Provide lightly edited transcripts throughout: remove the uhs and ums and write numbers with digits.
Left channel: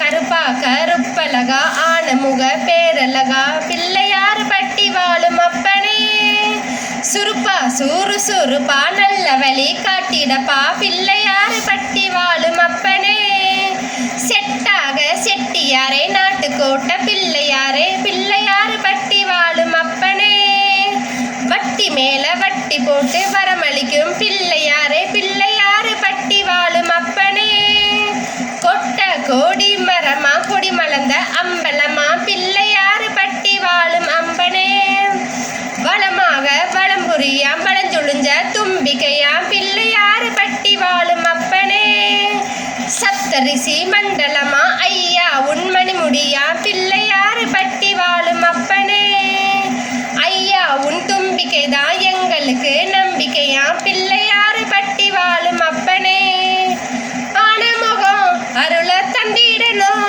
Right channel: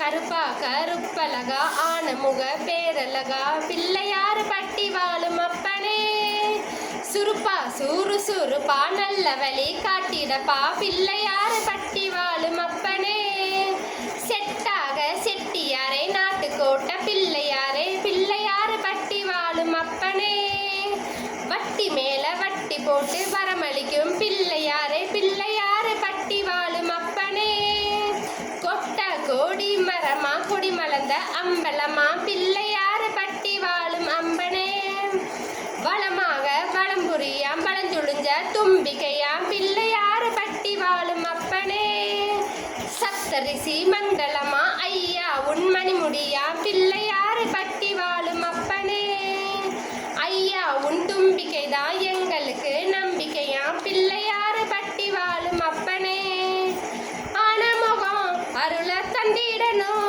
கருப்பா கருப்பலகா ஆனமுக பேரலகா பிள்ளையார் பட்டி வாழும் அப்பனே. சுருப்பா சூறு சுருப்பா நல்ல வழி காட்டிடப்பா பிள்ளையார் பட்டி வாழும் அப்பனே. செட்டாக செட்டியாரே நாட்டுக்கோட்ட பிள்ளையாரே பிள்ளையார் பட்டி வாழும் அப்பனே. வட்டி மேல வட்டி போட்டு வரமளிக்கும் பிள்ளையாரே பிள்ளையார் பட்டி வாழும் அப்பனே. கொட்ட கோடி மரமா கொடி மலர்ந்த அம்பலமா பிள்ளையார் பட்டி வாழும் அம்பனே. வளமாக வளம்புரியாம் வளஞ்சுழிஞ்ச தும்பிக்கையாம் பிள்ளையார் பட்டி வாழும் அப்பனே. சப்தரிசி மண்டலமா ஐயா உண்மணி முடியாம் பிள்ளையார் பட்டி வாழும் அப்பனே. ஐயா உன் தும்பிக்கைதான் எங்களுக்கு நம்பிக்கையாம் பிள்ளையார் பட்டி வாழும் அப்பனே. ஆனமுகம் அருள தந்திடணும்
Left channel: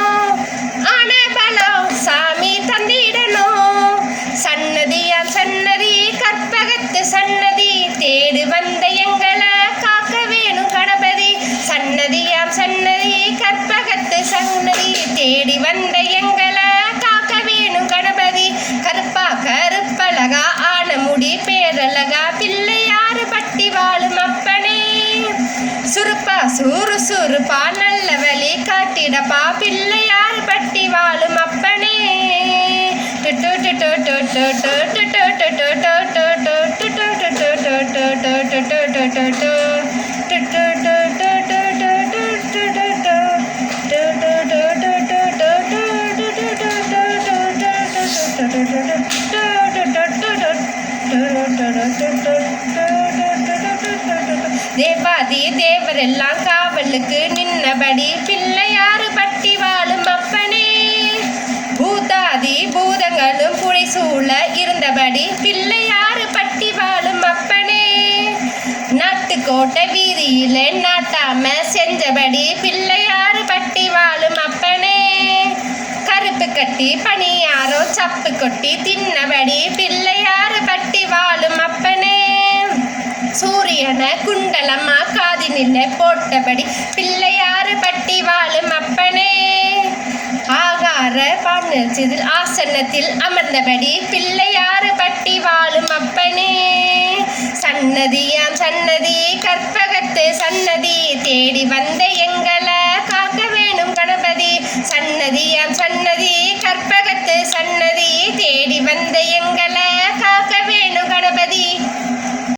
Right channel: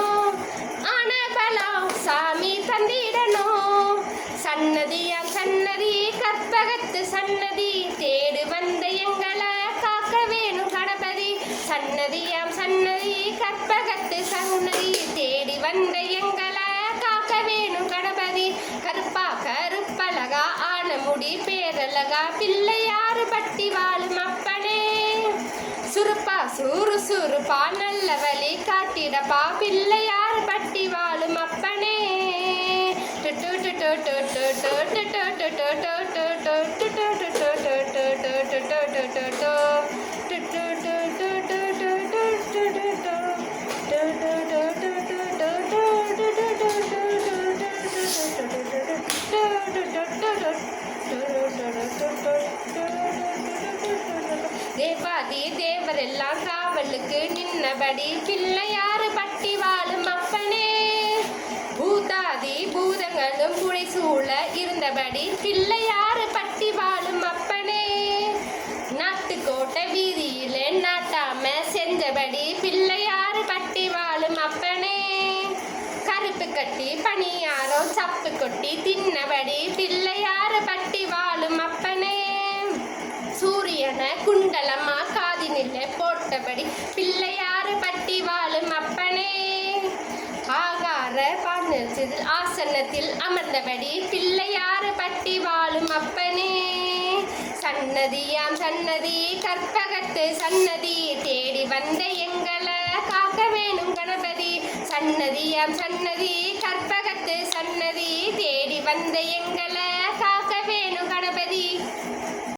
ஆன பலம் சாமி தந்திடணும். சன்னதியாம் சன்னதி கற்பகத்து சன்னதி தேடு வந்த எங்களை காக்க வேணும் கணபதி. சன்னதியாம் சன்னதி கற்பகத்து சன்னதி தேடி வந்த எங்களை காக்க வேணும் கணபதி. கருப்பா கருப்பலகா ஆனமுடி பேரலகா பிள்ளையார் பட்டி வாழும் அப்பனே. சுருப்பா சூறு சுருப்பா நல்ல வழி காட்டிடப்பா பிள்ளையார் பட்டி வாழும் அப்பனே. தேவாதி தேவரெல்லாம் காவலுக்கு நின்னபடி பிள்ளையார் பட்டி வாழும் அப்பனே. பூதாதி பூதங்களும் புடைசூழ இருந்தபடி பிள்ளையார் பட்டி வாழும் அப்பனே. நாட்டுக்கோட்டை வீதியில நாட்டாம செஞ்சபடி பிள்ளையார் பட்டி வாழும் அப்பனே. கருப்பு கட்டி பணியாரம் சப்பு கொட்டி தின்னபடி பிள்ளையார் பட்டி வாழும் அப்பனே. சூரியன குண்டலமா காதினில போட்டபடி பிள்ளையார் பட்டி வாழும் அப்பனே. ஆகார பாண்டத்தில் ஆசனத்தில் அமர்ந்தபடி பிள்ளையார் பட்டி வாழும் அப்பனே. சன்னதியாம் சன்னதி கற்பகத்து சன்னதி தேடி வந்த எங்களை காக்க வேணும் கணபதி. சன்னதியாம் சன்னதி கற்பகத்து சன்னதி